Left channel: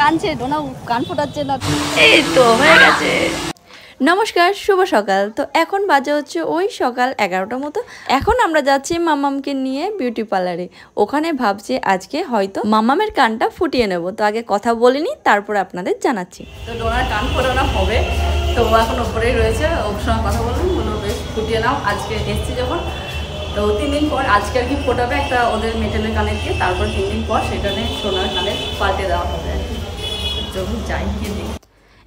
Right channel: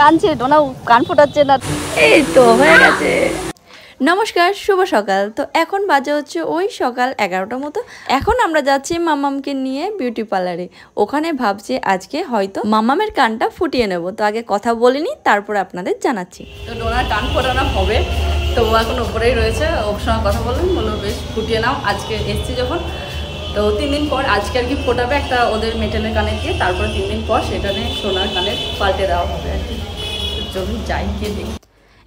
কানছে ডোনা, কান ফোটাচ্ছে না। এই তো হয়ে গেছে। নমস্কার, শুভ সকাল। তো এখন বাজে হচ্ছে ওই সকাল 11টার মতো। এখন আমরা যাচ্ছি মামামকে নিয়ে বিউটি পার্লারে। ওখানে ভাবছি আজকে হয়তো মামামের কানটা ফুটিয়ে নেব। তো আগে কথা বলিনি, তারপর আপনাদের জানাচ্ছি। তো ডোনার কান ফোটানো হবে, তো ও এখন ওপরেই রয়েছে। ওর সঙ্গে কথা বললাম, বললো বেশ ফুটিয়ে নাও। আজকে এসছি যখন, তো 3 দিন পর আজকে আর কি ফোটাবে একটা ওদের মেটালের কানে দিয়ে, তারপর 3 দিন পর সেটা নিয়ে সোনার কানে পাল্টে দেওয়া হবে আর কি। চলুন যাই গিয়ে দেখি।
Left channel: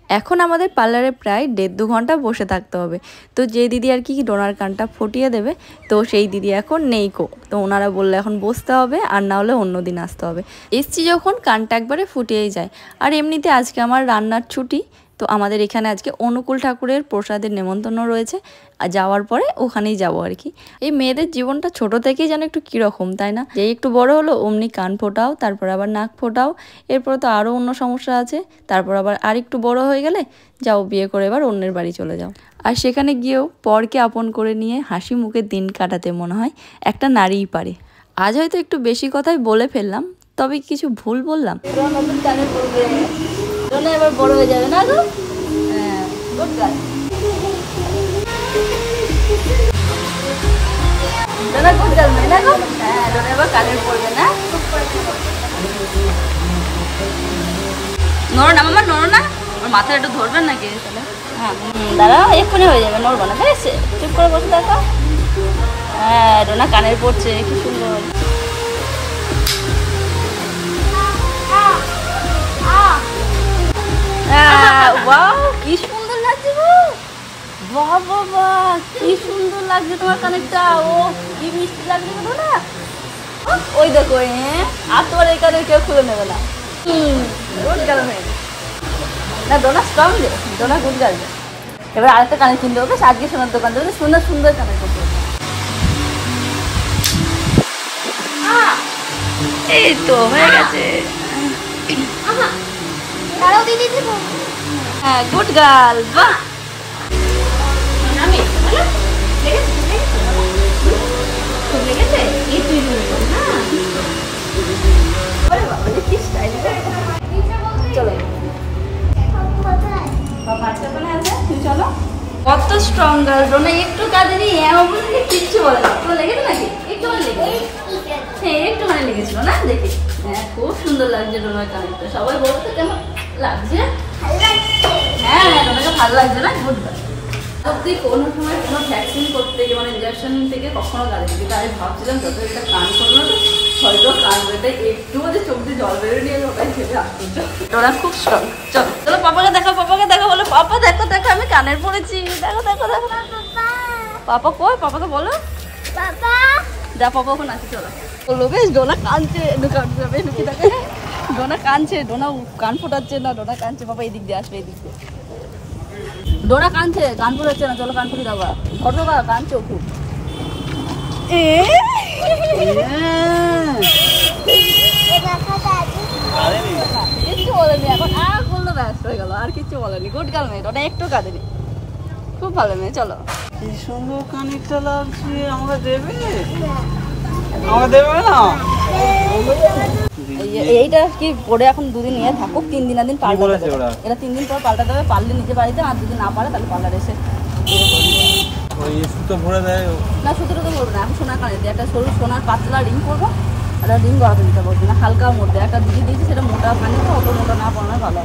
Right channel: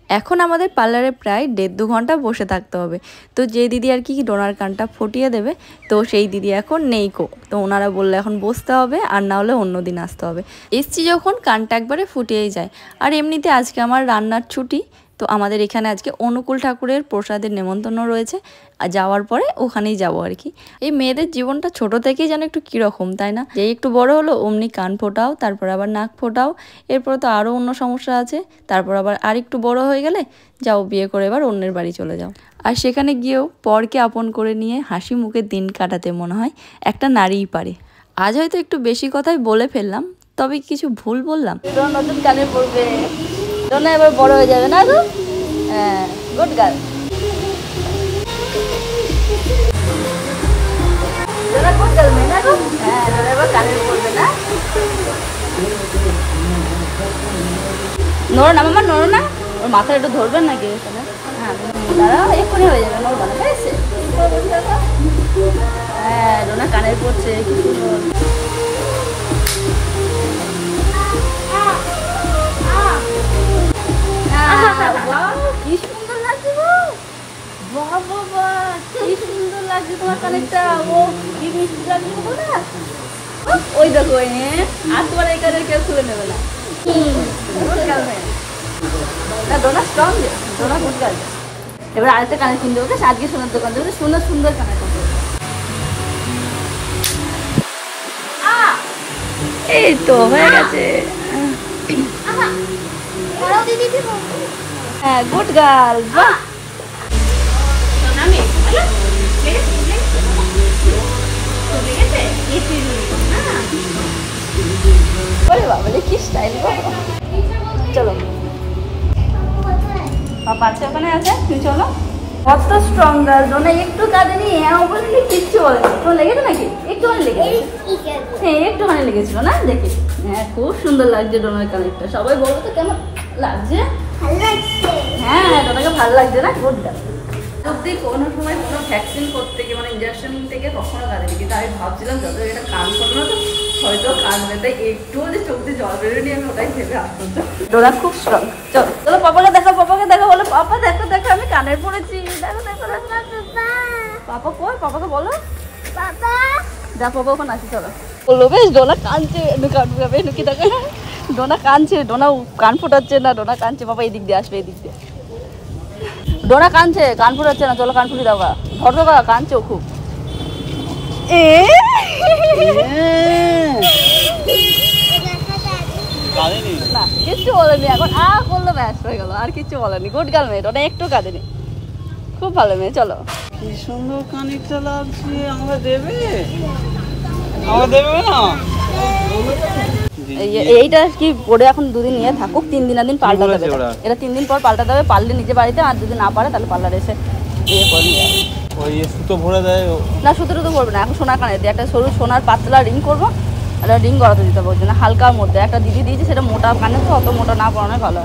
এখন আমাদের পার্লারে প্রায় 1.5-2 ঘন্টা বসে থাকতে হবে। তো যে দিদি আর কি ডোনার কানটা ফুটিয়ে দেবে, তো সেই দিদি এখন নেই কো। তো ওনারা বললে এখন বসতে হবে, আর না হলে অন্য দিন আসতে হবে। এসছি যখন কানটা একবারে ফুটিয়েই যায়। আর এমনিতে আজকে আমার রান্নার ছুটি, তো আমাদের এখানে আজকে অনুকূল ঠাকুরের প্রসাদের নেমন্তন্ন রয়েছে। আর যাওয়ার পরে ওখানেই যাবো আর কি। এই মেয়েদের জীবনটা ছোট থেকেই যেন একটু কীরকম, তাই না? যেই একটু বড় হলো অমনি কান ফোটাও, তারপর আবার নাক ফোটাও, এরপর তো আরও অন্য সমস্যা আছে। তারপর আবার আর একটু বড় হয়ে গেলে যাও বিয়ে করে এবার অন্যের বাড়ি চলে যাও। আর সেখানে গিয়েও পরকে আপন করে নিয়ে হাসি মুখে দিন কাটাতে মনে হয় একটা নারীই পারে। আজ হয়তো একটু বেশি কথাই বলে ফেললাম, তবে কিছু ভুল বললাম? নতুন কানে বলবে, ডোনা এবার বড় হয়ে যাবে না গো? হ্যাঁ, good girl. Dona good girl মেয়ে না গো? হ্যাঁ, ডোনা এবার কানে পড়বে না? নড়ো না মামা, নড়ো না। ওর মাথায় একটু ধরবেন নাকি তাহলে? হ্যাঁ দাঁড়া, এক্ষুনি হয়ে যাবে, নড়বো না, ঠিক আছে? চুপ করে বসে থাকো। হ্যাঁ, ডোনা কানের পড়ছে, একটু সুন্দর। ওয়াও, কি সুন্দর লাগছে গো। বাহ বাবা, কি সুন্দর লাগছে তোমার কানেরটা। ও কি মিষ্টি লাগছে গো না। ওই দেখো, হ্যাঁ, আর তোমার এই কানের কেউ খুলে নেবে না। গুড গার্ল মেয়ে না, ডোনা স্ট্রং যে, ডোনা গুড গার্ল। এবার আরেকটা কানে কিনতে হবে, আজকে সোনার দোকান থেকে সুন্দর সুন্দর কানের কাপড়। এই তো হয়ে গেছে। হ্যাঁ, গুড গার্ল। বাহ, কত স্ট্রং গার্ল। ডোনা একটু কাঁদেনি, বলিনি, কিচ্ছু বলে না। তোমার লেগেছে নাকি? একটুখানি লেগেছে। হ্যাঁ, একটুখানি লেগেছিল না, দেখে। হ্যাঁ, খুব সুন্দর লাগছে ডোনার কানেরটা। সবাই বলতো কেমন লাগছে? হ্যাঁ, ডোনাকে ভালো লাগছে না? Good girl. অব্দি কোনো সময় কোনো ভ্যাকসিন করতে গিয়ে মানে ইঞ্জেকশন থেকে কখনো কাঁদেনি, কিন্তু আমি ভাবছিলাম যত এটা কান করলো তো হয়তো কাঁদবে, তাই একটুও যে চোখ দিয়ে জল বেরোয় নিয়ে ওটাই ভেবে আশ্চর্য। ডোনা খুব স্ট্রং। চলো চলো, পাপাকে দেখো, পাপাকে দেখো, বলো পাপা দেখো দেখো আমি কানের পড়েছি, দেখো দেখো দেখো। পাপা কই? পাপাকে বলো। যা পাপা ওখানে আছে, চলো। বললো বেশ, ডোনা কাঁদছে, নুকি দেখো, ডোনা কাঁদছে, ডোনা কান ফোটাচ্ছে না, ডোনা কাঁদছে। বাবা এই দিক দিয়ে আসবে, এই দিক দিয়ে। ডোনা কাঁদছে, কান ফুটাচ্ছে না, চলো কান ফুটি দাও গা। ধরো গা, কাঁদছে খুব। কিচ্ছু বলেনি, এখন করলো, ব্যস্ত হয়ে গেল, আর কিচ্ছু বলেনি। গুড গার্ল মেয়ে, ডোনা একটু কাঁদেনি, খুব ভালো মেয়ে। চলো। কি সুন্দর কানেরটা লাগছে, আমাকে দেবে? আমাকে দেবে না? এইটা কি পরে এখন 2 দিন নিয়ে থাকুক, 3 দিন পাল্টাতে দেবে। এটা 3 দিন পর পাল্টাতে হবে, পারলে নিজে বাড়িতে, আর যদি না পারে তাহলে পার্লারে এসে সুতো ভরে দেয় না। সুতোটা তো করবে না, এখন সোনার কানে দিয়ে একটা সরু সোনার পাতলা রিং করবো। একটা রিং গড়াতে দিতে পারবো না, হালকার মধ্যে একটা দিদি দিয়েছে, সেটা মোটা কানে, অত মোটা না পড়ানো ভালো।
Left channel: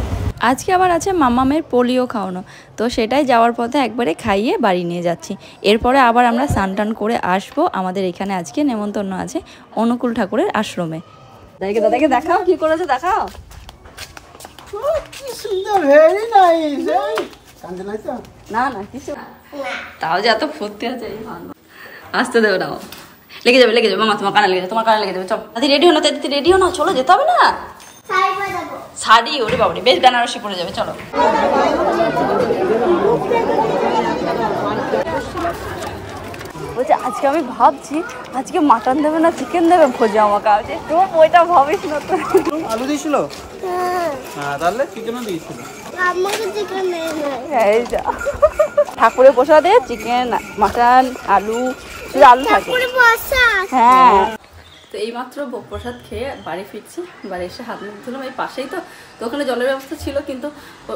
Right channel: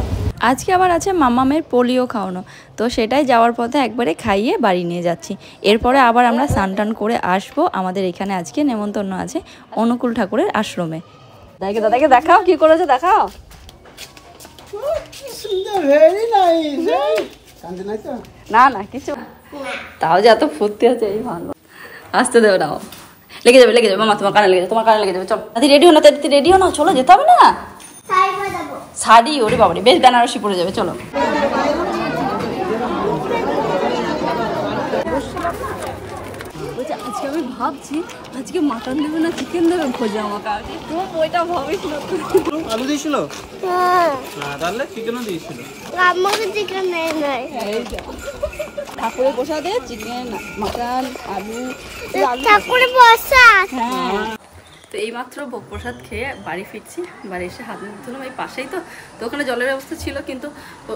আজকে আবার আছে মামামের পোলিও খাওয়ানো, তো সেটাই যাওয়ার পথে একবারে খাইয়ে বাড়ি নিয়ে যাচ্ছি। এরপরে আবার আমরা স্নান টান করে আসবো। আমাদের এখানে আজকে নেমন্তন্ন আছে অনুকূল ঠাকুরের আশ্রমে। দেখে দাদাকে দেখাও কি করেছে, দেখাও। না না কিছু, তাও যে এত ফুর্তি আছে এই ভালো। আসতে দেবে না, লেগে যাবে, লেগে যাবে মামা, তোমার কানে লেগে যাবে, তোমার কানে লেগে যাবে। চলো দাদি রেডি হো না, দাদি রেডি হো না, চলো যেতে হবে না। শাড়ি, ওরে বাবারে, বেশ বেনারসি পরে যাবে, চলো। বলছে আজকে আমি ভাবছি আজকে মাটন দেবে না চিকেন দেবে, ভোজে আমাকে আজকে তো ওইটা ভাবিস না তো। আলু দিয়েছিল? হ্যাঁ, তাহলে চিকেনও দিয়েছিল। আমাকে চিকেন নেই নাই। এইটা ঠাকুরের প্রসাদে চিকেন, মাটন, আলু, আলু হ্যাঁ। তো এইমাত্র ভোগ প্রসাদ খেয়ে বাড়ি ফিরছি। বাড়ি এসে হাত মুখ ধুলাম, এই পাশেই তো ওখানে জলের ব্যবস্থা ছিল, কিন্তু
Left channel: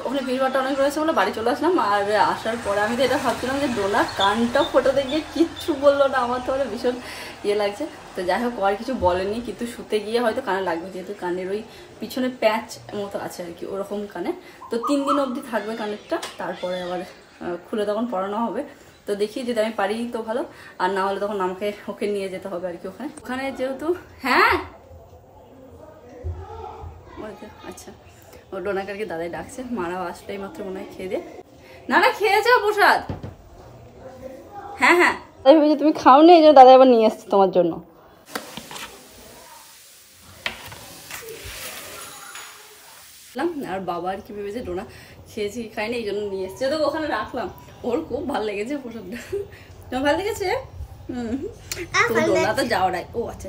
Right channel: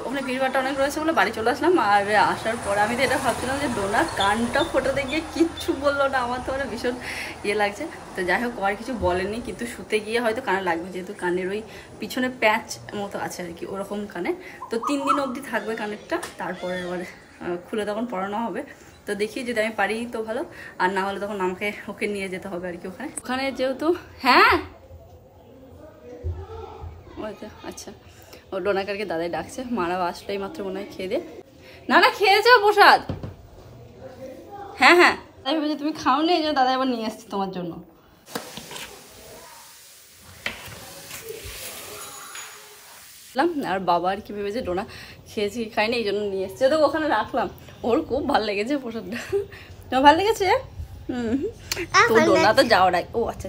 ওখানে ভিড়ভাড়টা অনেক রয়েছে বলে বাড়ি চলে আসলাম। আর আসার পরে আমি তো এটা ভাবছিলাম যে ডোনা কানটা ফোটাতে গিয়ে কিচ্ছু বললো না, আমার তো ভীষণ ইয়ে লাগছে। তো যাই হোক, আর কিছু বলেনি, কিন্তু শুতে গিয়ে হয়তো কানে লাগবে, যেহেতু কানের ওই পিছনে প্যাচ মতো আছে আর কি, ওরকম কানে। তো 3 দিন অবধি থাকবে কানেরটা, তারপরে আবার খুলে তখন পড়ানো হবে। তো দেখি যদি আমি পারি তো ভালো, আর না হলে তখন আমাকে ওকে নিয়ে যেতে হবে আর কি ওখানে যেহেতু। হ্যাঁ আচ্ছা, ও ডোনাকারকে দাদাই ডাকছে, মারাও আসলে এই মাত্র মনে হয় খেয়ে দে। না খেয়ে যাও প্রসাদ। হ্যাঁ তাই ভেবেছি তুমি খাও নি, এই জন্য দাদা আবার নিয়ে এসছে তোমার জন্য। আর বাবা আর কি ভেবেছে ডোনা খেয়েছি খাইনি, এই জন্য নিয়ে এসছে, তো ওখানে রাখলাম। ওর খুব ভালো লেগেছে প্রসাদটা। তোমার ভালো লেগেছে? তো ডোনা তো যাওয়ার আগে, ও আচ্ছা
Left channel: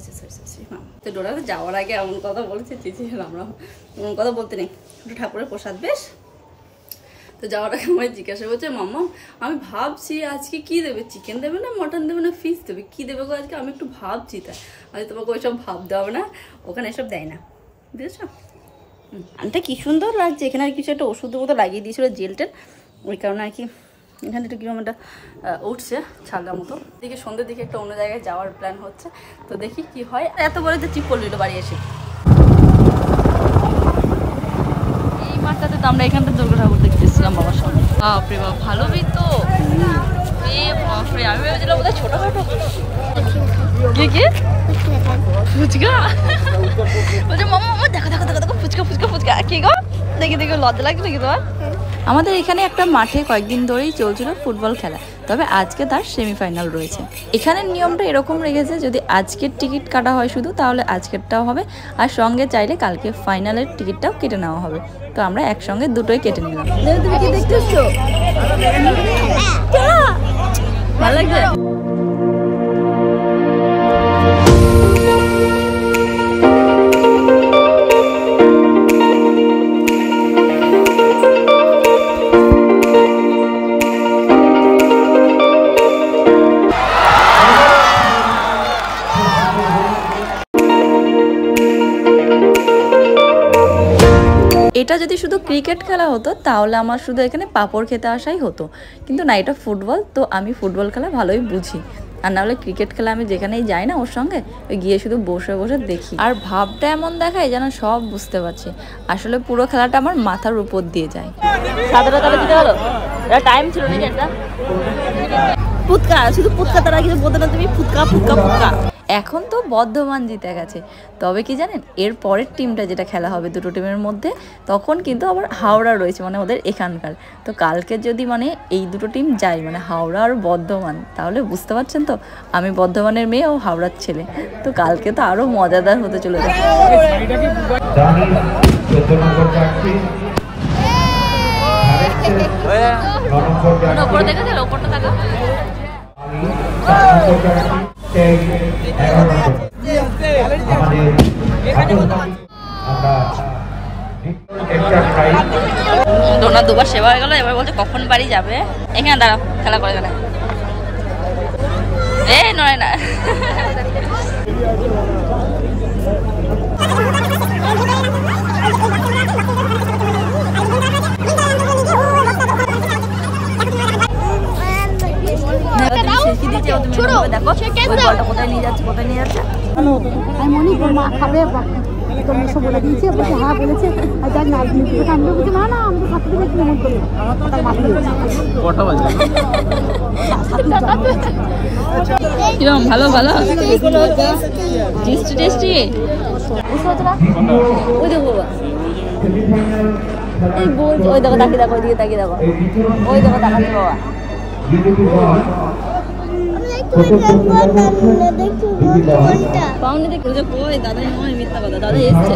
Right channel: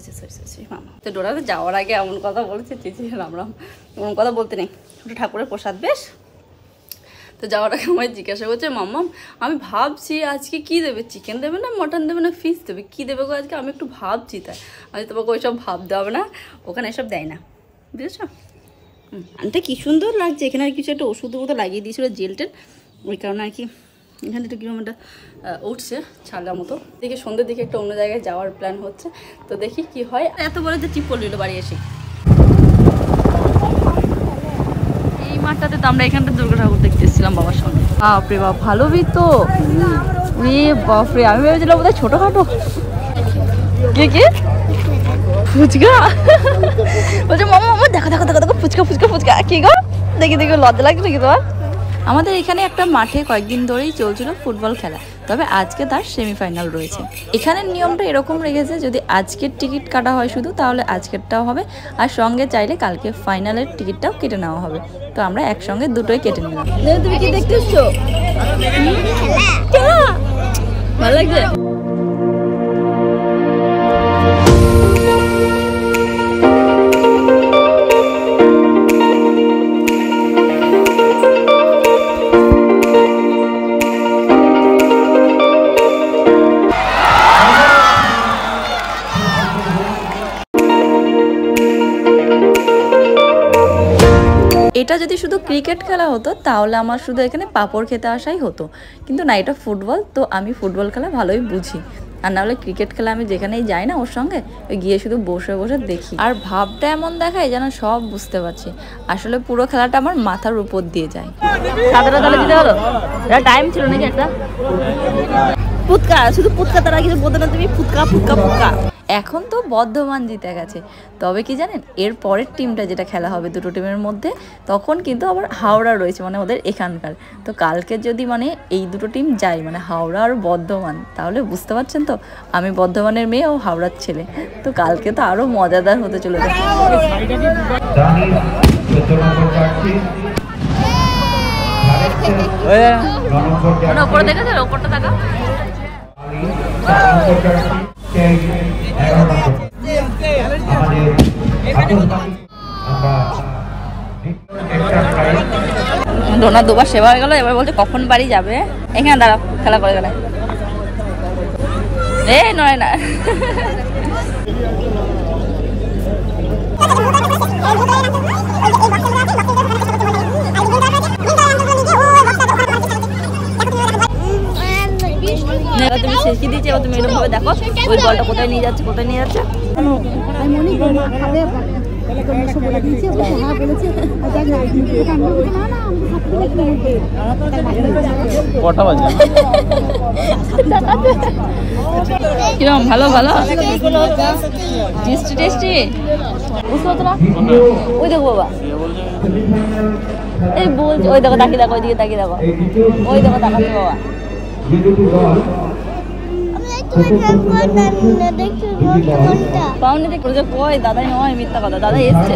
মামা, তো ডোনা তো যাওয়ার আগে এমন কথা বলেছে, চিচি রাম এমন কথা বলতে নেই, ওটা ঠাকুরের প্রসাদ বেশ। তো যাওয়ার আগে আমায় জিজ্ঞাসা করছে, মাম্মা আমি ভাবছি আজকে কি দেবে, চিকেন দেবে না মটন দেবে না ফিশ দেবে, কি দেবে গো আজকে, আমি একটু ভাবছি। তাই আমি তোমাকে ওইসব ভাবতে হবে না, ওখানে এসব দেয় না, বুঝেছো? আনতে কি সুন্দর লাগছে। এখানে আর কিছু একটা ওষুধের মতো লাগিয়ে দিয়েছিল, জেল টেল, ওই কারণে আর কি এখানে একটু কিরকম একটা উঠছে ছাড়ার মতো। দেখি সন্ধ্যের দিকে একটা অন্য জায়গায় যাওয়ার প্ল্যান হচ্ছে, তো দেখি কি হয়। এত বড় যে টিপ পড়ল বাড়ি এসে। এই মাঠটাতে তো আমরা এখানটা দুর্গা ঠাকুর দেখতে এসেছিলাম বাবার সঙ্গে। বাপরে বাপ, ভালো তো বাপরে, আমি ভেবেছিলাম বোধহয় ছোট খাবো। কে ফুচকা বলছে, মামা দেখো ফুচকা কি গো, দেখি লজ্জা লাগছে নাকি তোমার? আমাদের এখানে একটা মাঠে কয়েকদিন ধরেই চলছিল ফুটবল খেলা, তবে আজকে তার সেমিফাইনাল রয়েছে। এখানের নিয়মটা এরকম রেখেছে, যদি আজকের টিকিট কাটা হয় শুধু, তাহলে আজকেরটাও হবে, আর সঙ্গে চাইলে কালকে ফাইনালের টিকিটটাও কেটে নেওয়া হবে। তো আমরা একসঙ্গে দুটোই কেটে নিলাম। তুমি কি দেখতে এসছো? ভালো লাগছে। এটা যদি শুধু ক্রিকেট খেলা হতো তাহলে আমার শুধু এখানে পাপড় খেতে আসাই হতো, কিন্তু না, এটা ফুটবল, তো আমি ফুটবল খেলা ভালোই বুঝি। আর নাহলে ক্রিকেট খেলা আমি যেখানেই যাই না ওর সঙ্গে, ওই গিয়ে শুধু বসে দেখি, আর ভাবটা এমন দেখায় যেন সব বুঝতে পারছি। আসলে পুরো খেলাটা আমার মাথার উপর দিয়ে যায়। ফুটকা, শুধু ফুটকা, তারা কিছু বলতে না, তুমি ফুটকা। এখন তো বর্ধমান জিতে গেছে, তবে কি জানেন, এর পরের টিমটা যেটা খেলা হবে দুটো টিমের মধ্যে, তখন কিন্তু আবার হাওড়া রয়েছে, মানে ওদের এখানকার। তো কালকে যদি মানে এই দুটো টিম যায়, মানে হাওড়া আর বর্ধমান, তাহলে বুঝতে পারছেন তো, আমি বর্ধমানের মেয়ে ও হাওড়ার ছেলে, তো কালকে তো আরো মজাদার হতে চলেছে। ওপরে দেখেছে, ওপরটা দেখা ডোনা দুবার সেবা হয়ে গেল, এবার বলছে কখন বাড়ি যাবে। এখানে দাঁড়াও, খেলা করে গেলে নয় না। তুমি এরকম ভাবে দেখো ওই বলটা কোথায় নিয়ে যাচ্ছে। আমি মনে তোর মা খাবে, তোর মেশো বলে দিয়েছে, বলছে হ্যাঁ বলেছে, আর যাক না আমি বলছি না আমি তো সাথে দেবে কিনে মন করলাম তার মাঝে কিরম ভালো টেস্টি ওই দেখো বাবা, এই বলছে, ওই দেখো তাকিয়ে দেখো, ওইদিকে তাকিয়ে দেখো, ওই দেখো তাকাচ্ছে বাবা। দাদাই নয়, মিথ্যা কথা, দাদা এসছে,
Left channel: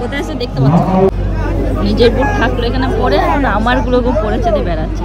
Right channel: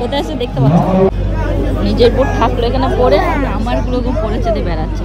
কোথায় এসে দেখতে পাচ্ছি। নিজের বুট থাকলো এখানে পরে, আর আমার গুলোকে পরে চেতে বেড়াচ্ছে।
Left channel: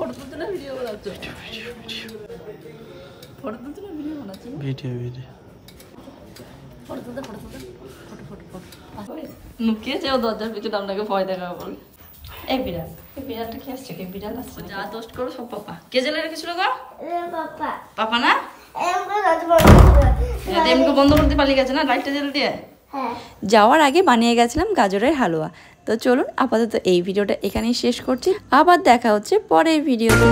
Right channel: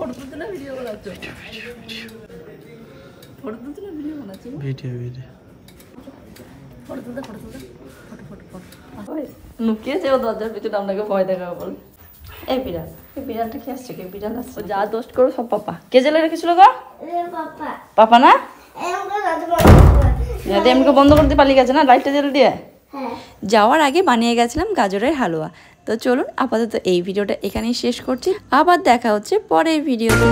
ফটো তুলতে না ভিডিও বানাচ্ছ? ফটো তুলতে না ভিডিও বানাচ্ছ? ভিডিও ফটো তুলতে ফটো লুকিয়েছে ও দরজার পিছনে আপনাকে ভয় দেখাবে বলে। এই বিড়ালটা কি আসছে? কে বিড়াল আসছে? যা দোস্ত করো সব পাপা। কে জেলে রেখেছিল গো? পাপা না? এমকে বন্ধ করতে পালিয়ে গেছে না লাইটটা জ্বেলে দিয়ে। যাওয়ার আগে বানিয়ে গেছিলাম গাজরের হালুয়া। তো চলুন আপাতত এই ভিডিওটা এখানেই শেষ করছি, আবার দেখা হচ্ছে পরের ভিডিওতে।